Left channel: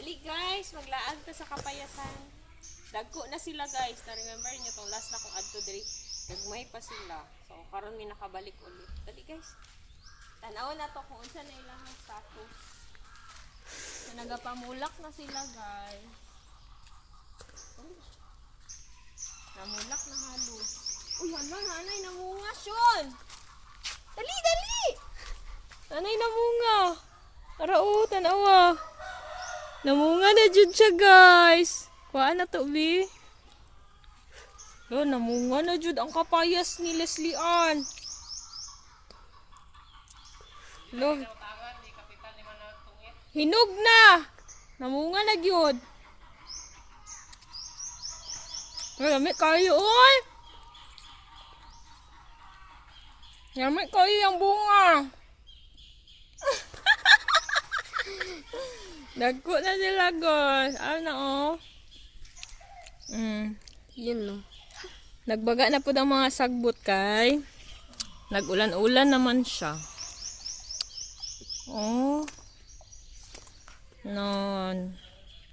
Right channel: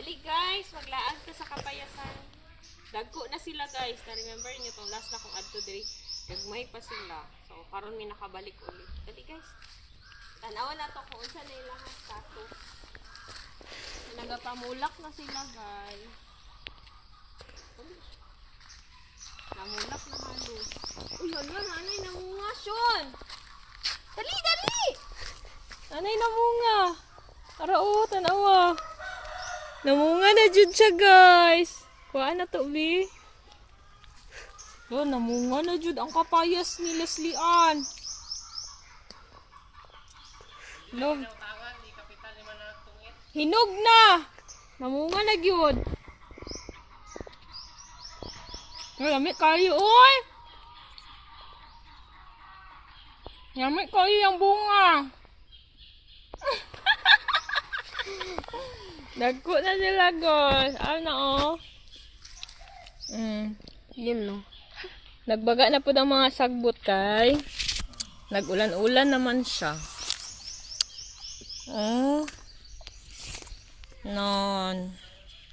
Dali guys, maglaan ko sa kapayasan. Dagko na sila guys. Na-remember nyo itong last na kong adto diri. Gagmay pa sila. So, karon may nakabalik ulit. Dali guys. Tanaw na to kung unsa na ilang status. So, nagapamulak na sila guys. Namulak na halos. Uy, hala, nanay namunga, Sean! Dali, dali! Nanay namunga. Tara tanawa. Namunga na dyan siya, guys. Kuhaan na to, B. Oh, namunga na dyan ang kapayas ni Leslie Ann. Hinog. Hinog na. Namunga na yun. Lamig kayo, oy! Lamig kayo yung bunga. Dagko na sila, guys. Ano, oh? Yun, no? Nagbaga na po ang mga sagbot, kay. Nag-ulan-ulan naman siya. Oh. Non.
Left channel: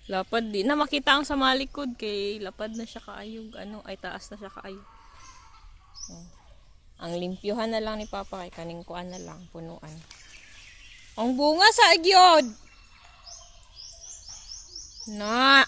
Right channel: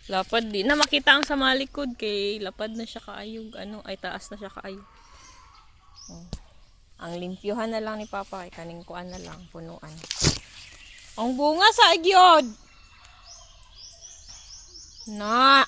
Lapad di na makita ang sa malikod kay lapad na siya kaayog. Ano, ay taas na siya kaayog. Oh. Ang limpyuhan na lang ni Papa kay kaning kuan na lang, punuan. Ang bunga sa agyod. Na.